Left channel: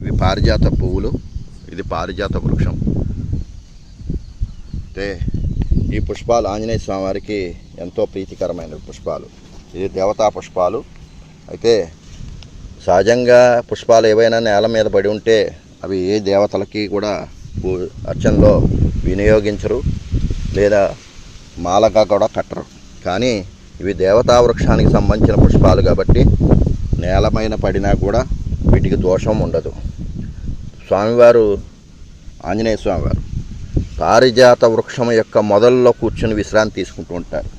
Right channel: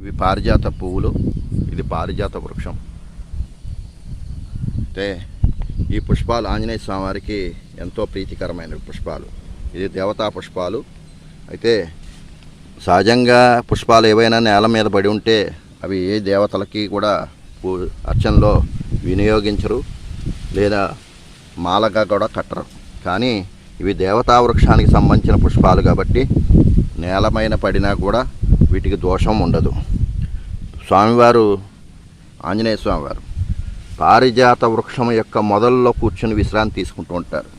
ఇవి పారిజాత పువ్వులు, ఇది పారిజాత వృక్షం. అంటే ఈ పుష్పాలు ఆంజనేయ స్వామి వారికి ఎంతో ప్రీతికరమైన పుష్పాలు. ఇది దేవతా పుష్పాలు. అయితే సహజంగా పుష్పాలు ఏవైనా నేల మీద పడి ఉంటే అవి ఏ దేవతలకి కూడా అర్చనలో వినియోగించరు, లేదా మాలగా కూడా కట్టరు. కానీ ఇవి దేవతా వృక్షానికి సంబంధించిన పుష్పాలు కాబట్టి నేలమైన పడినా కూడా వీటికి దోషం ఉండదు. స్వామివారు ఆంజనేయ స్వామివారు పారిజాత వృక్షం యొక్క మొదల్లో కూర్చొని విశ్రాంతి తీసుకుంటూ ఉంటారు.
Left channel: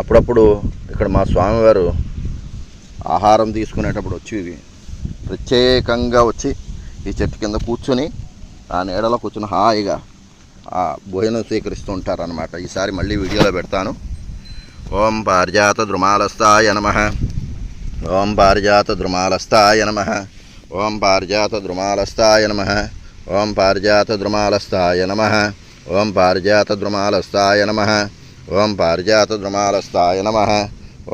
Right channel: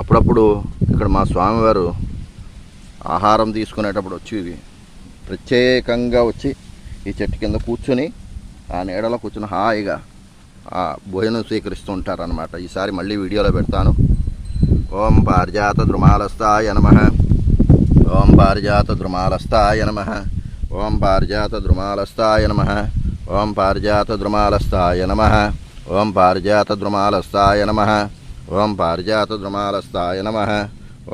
అప్పుడప్పుడు ఇక్కడ మా స్వామివారు ఆహారం తీసుకునేటప్పుడు వచ్చి ప్రత్యేకంగా వచ్చి ఈ చెట్టు కింద కూర్చొని ఆ నీడలో కూర్చొని హాయిగా ఆ భోజనం స్వీకరిస్తూ ఉంటారనమాట. ఈసారి మళ్ళీ వీడియోలో పెడతాను. ఓం పారిజాత ద్రుమాలస్తాయ నమః. ఓం పారిజాత ద్రుమాలస్తాయ నమః. ఓం పారిజాత ద్రుమాలస్తాయ నమః. ఓం పారిజాత ద్రుమాలస్తాయ నమః. ఓం పారిజాత ద్రుమాలస్తాయ నమః. ఓం పారిజాత ద్రుమాలస్తాయ నమః.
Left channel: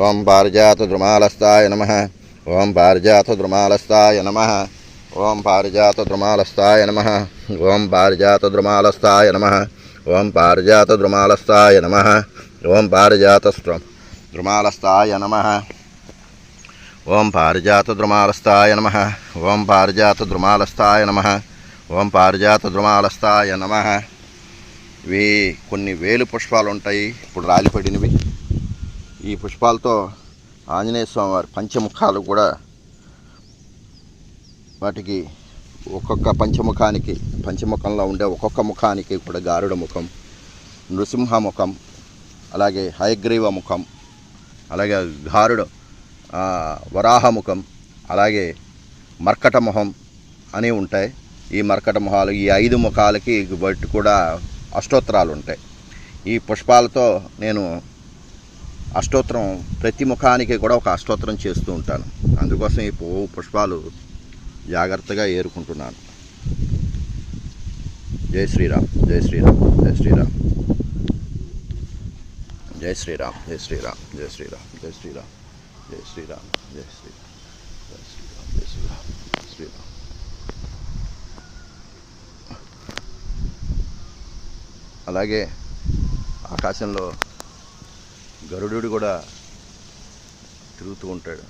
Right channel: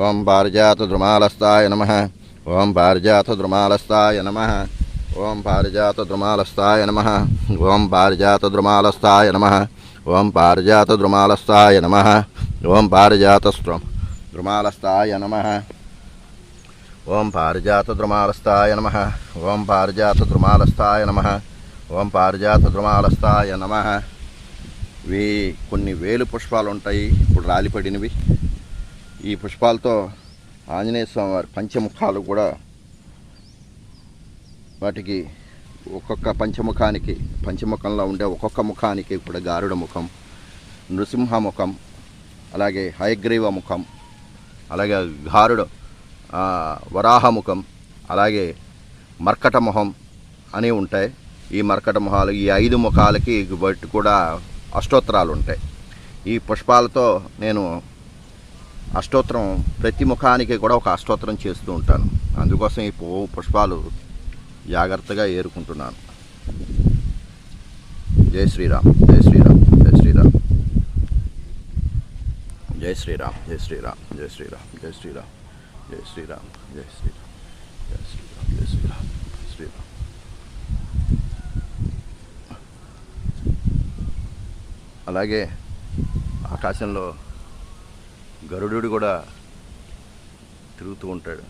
ఓం పారిజాత ద్రుమాలస్తాయ నమః. ఓం పారిజాత ద్రుమాలస్తాయ నమః. ఓం పారిజాత ద్రుమాలస్తాయ నమః. ఓం పారిజాత ద్రుమాలస్తాయ నమః. ఓం పారిజాత ద్రుమాలస్తాయ నమః. ఓం పారిజాత ద్రుమాలస్తాయ నమః. ఓం పారిజాత ద్రుమాలస్తాయ నమః. ఓం పారిజాత ద్రుమాలస్తాయ నమః. ఓం పారిజాత ద్రుమాలస్తాయ నమః. ఇవి కొన్ని వేలు పుష్పాలు ఉంటాయి, ఇప్పుడు రాలిపడినవి. ఈ పుష్పాలతో ఆంజనేయ స్వామి వారి పంచముఖాలు కూడా, వాటికి ఒక్కొక్క పంచముఖంలో ఉండే ఒక్కొక్క ముఖానికి కూడా గారుడ ముఖం, నృసింహ ముఖం, అలాగే హయగ్రీవ ముఖం, అలాగే గారుడ వరాహ ముఖం, అలాగే మర్కట మొహం అని ఉంటాయి. ఈ మర్కట మొహాలు, ఈ 5 ముఖాలకి బట్టి కూడా అష్టోత్తరాలు ఉంటాయి. ఈ పుష్పాలతో నేను అష్టోత్తరం, ప్రతి ముఖానికి కూడా ఒక అష్టోత్తరం చేస్తూ ఉంటాను. అందుకోసం ఈ పుష్పాలు జాగ్రత్తగా ఏరుకుంటున్నాను. జై శ్రీరామ్, జై శ్రీరామ్, జై శ్రీరామ్, జై శ్రీరామ్, జై శ్రీరామ్, జై శ్రీరామ్, జై శ్రీరామ్, జై శ్రీరామ్, జై శ్రీరామ్, జై శ్రీరామ్, జై శ్రీరామ్, శ్రీరామ్. అలాగే ఆకాశంలో గరుడు కూడా తిరుగుతూ ఉంటాడు.